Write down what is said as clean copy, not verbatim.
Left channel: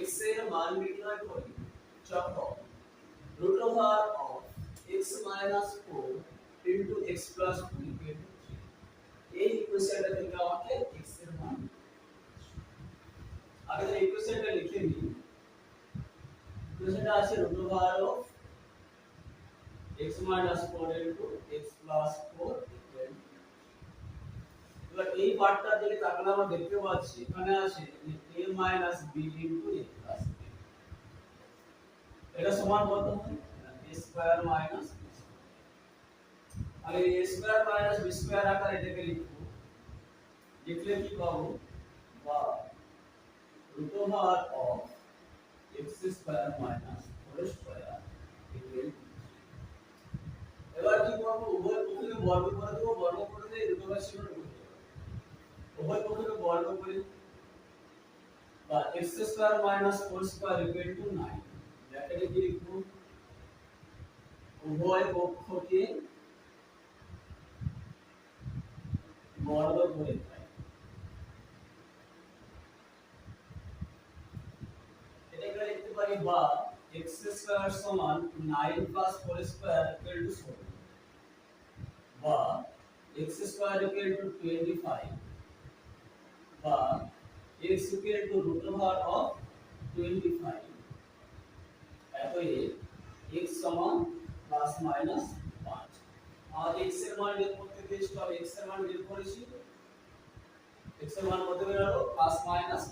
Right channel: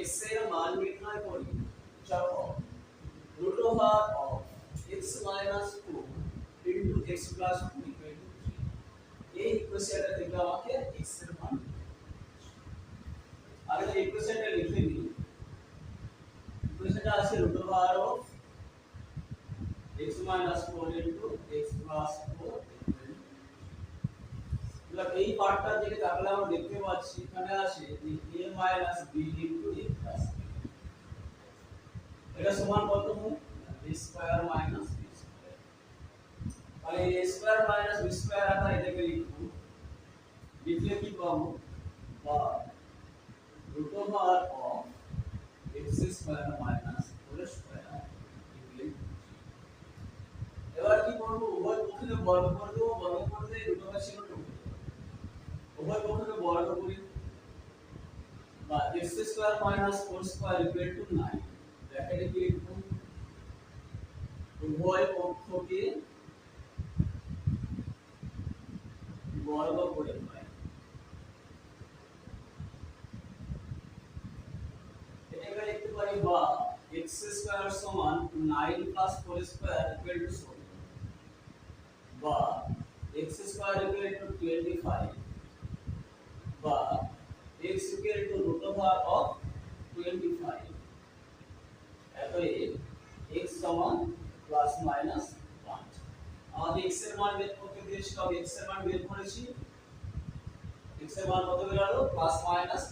x এর মান নির্ণয় করি যখন root over of x minus 4 into x plus 2 equal to 3 এই ইকুয়েশনটা থেকে আমাকে x এর মান আগে তো ইকুয়েশনটা লিখে নিই ইকুয়েশনটা আছে root over of x minus 4 into x plus 4 equal to এবার এই পার্টটা দিকে তাকালে আমরা দেখতে পাচ্ছি এখানে আছে a minus b into a plus b এটা সমান কত হয় a square minus b square আর এই a square minus b square আকারে এটাকে লিখব লিখলে কি পাবো বা root over of x square minus 4 square equal এবার কি করব উভয় পক্ষকে বর্গ করে দেব বর্গ করে দিয়ে root over চিহ্ন ঢুকে দেব উভয় পক্ষকে বর্গ করি বা x square minus 4 square equal to 9 ব্র্যাকেটে কি লিখব উভয় পক্ষকে বর্গ করে পাই এটাকে লিখতে পারি বা x স্কয়ার সমান 9 প্লাস 4 স্কয়ার ইকুয়াল টু 16 বা x স্কয়ার ইকুয়াল টু 25 বা x equal to root over of 25 অতএব x সমান প্লাস মাইনাস 5 আমাদের x এর মান বের করতে দিয়েছিল আমি x এর মান বের করেছি x এর মান কত বের হলো প্লাস মাইনাস